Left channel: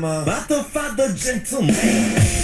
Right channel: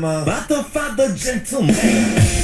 I'm about to find the gentleman.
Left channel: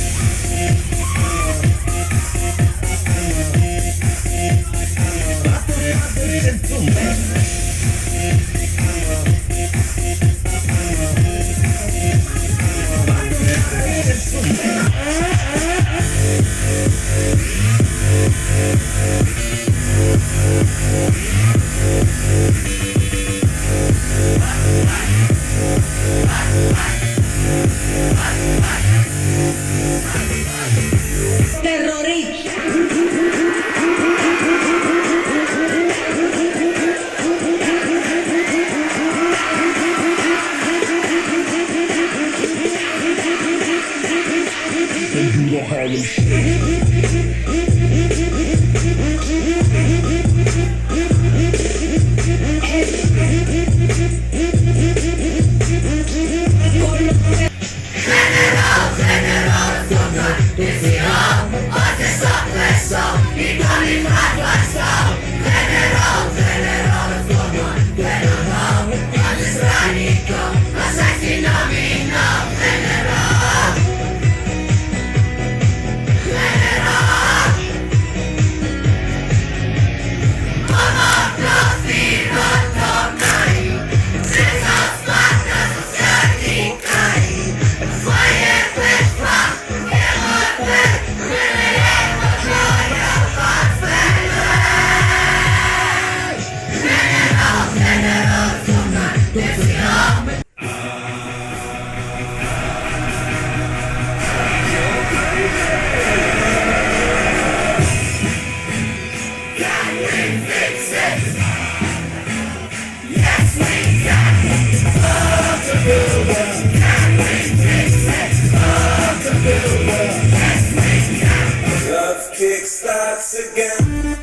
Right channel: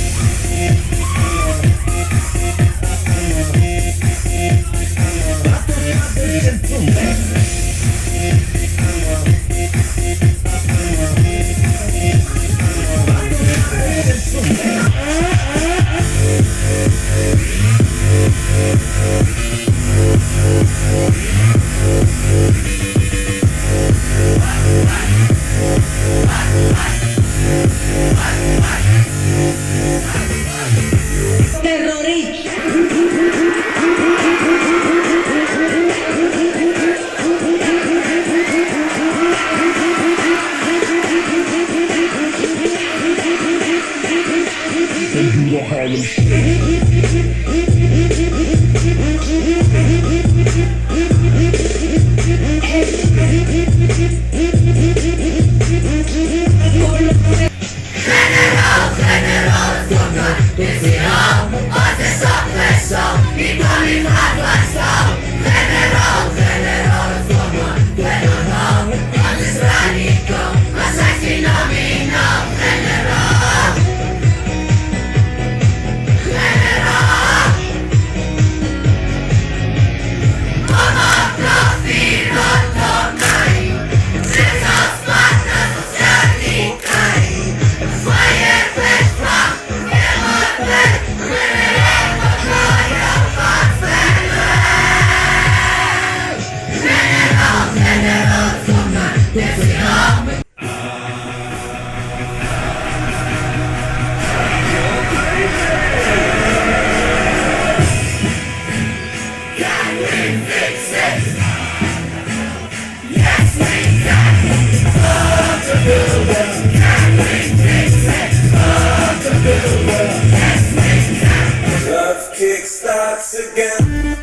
Love kick starts again.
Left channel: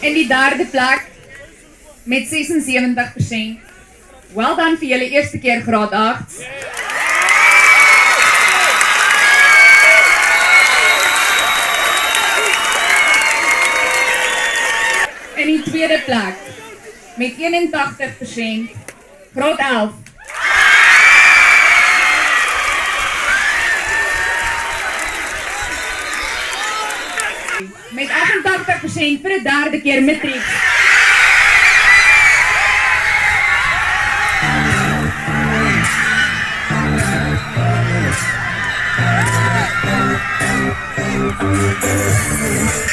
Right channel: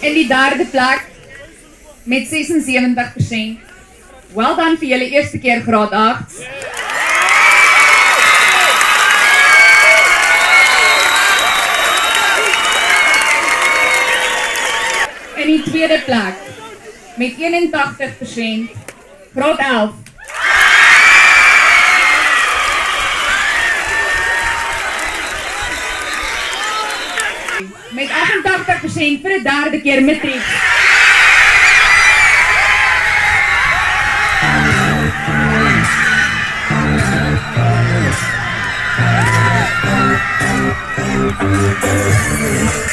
In die derde plek met 76%. Wel dan vir julle eerste keer graad 8. In die tweede plek met 81%, graad 11. Met 88% vir die derde keer matriek.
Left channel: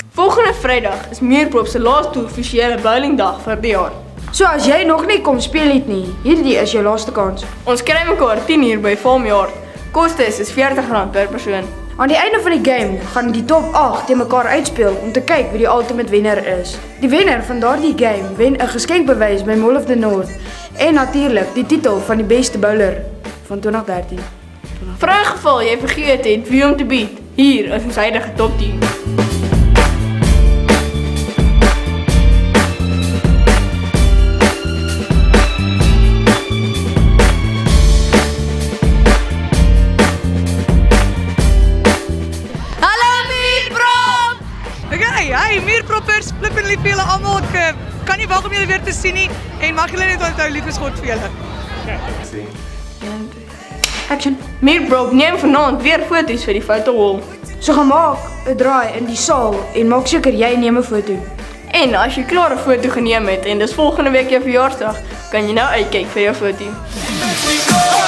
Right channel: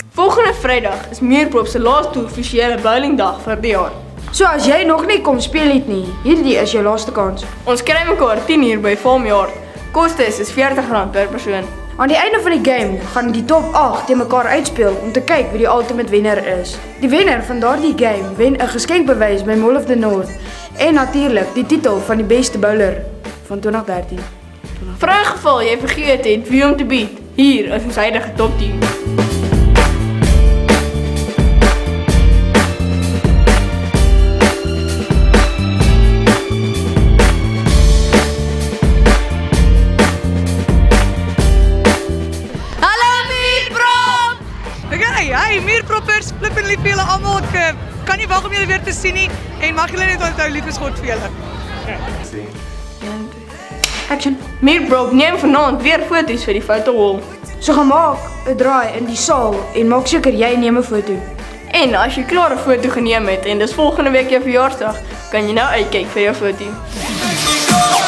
Volgende Vrydag is Meerkoop se laaste offisiële bowlingdag vir die jaar. So as jy nog nie kom speel het nie, hierdie is jou laaste kans. Ons kry mekaar 10 uur by Farmyard. Kostes is R40 per persoon. Aan die einde van die game gaan die top 8 teen mekaar uitspeel om te kyk wie die ultimate wenner is. Die wenner van daardie game wen 'n geskenkbewys by Mall of the North en natuurlik die titel van die beste bowler van 2013. Vir 'n geval jy vergeet het wie om te beat, hier is ons huidige top 10. Meerbroek neem vanaand weer foto's vir die fotowall. So gaan maak 'n draai in die saal en maak seker jy neem 'n foto. En as jy klaar 'n foto geneem het en dis volgende week jou verjaarsdag, kan jy nou uitkyk vir jou foto.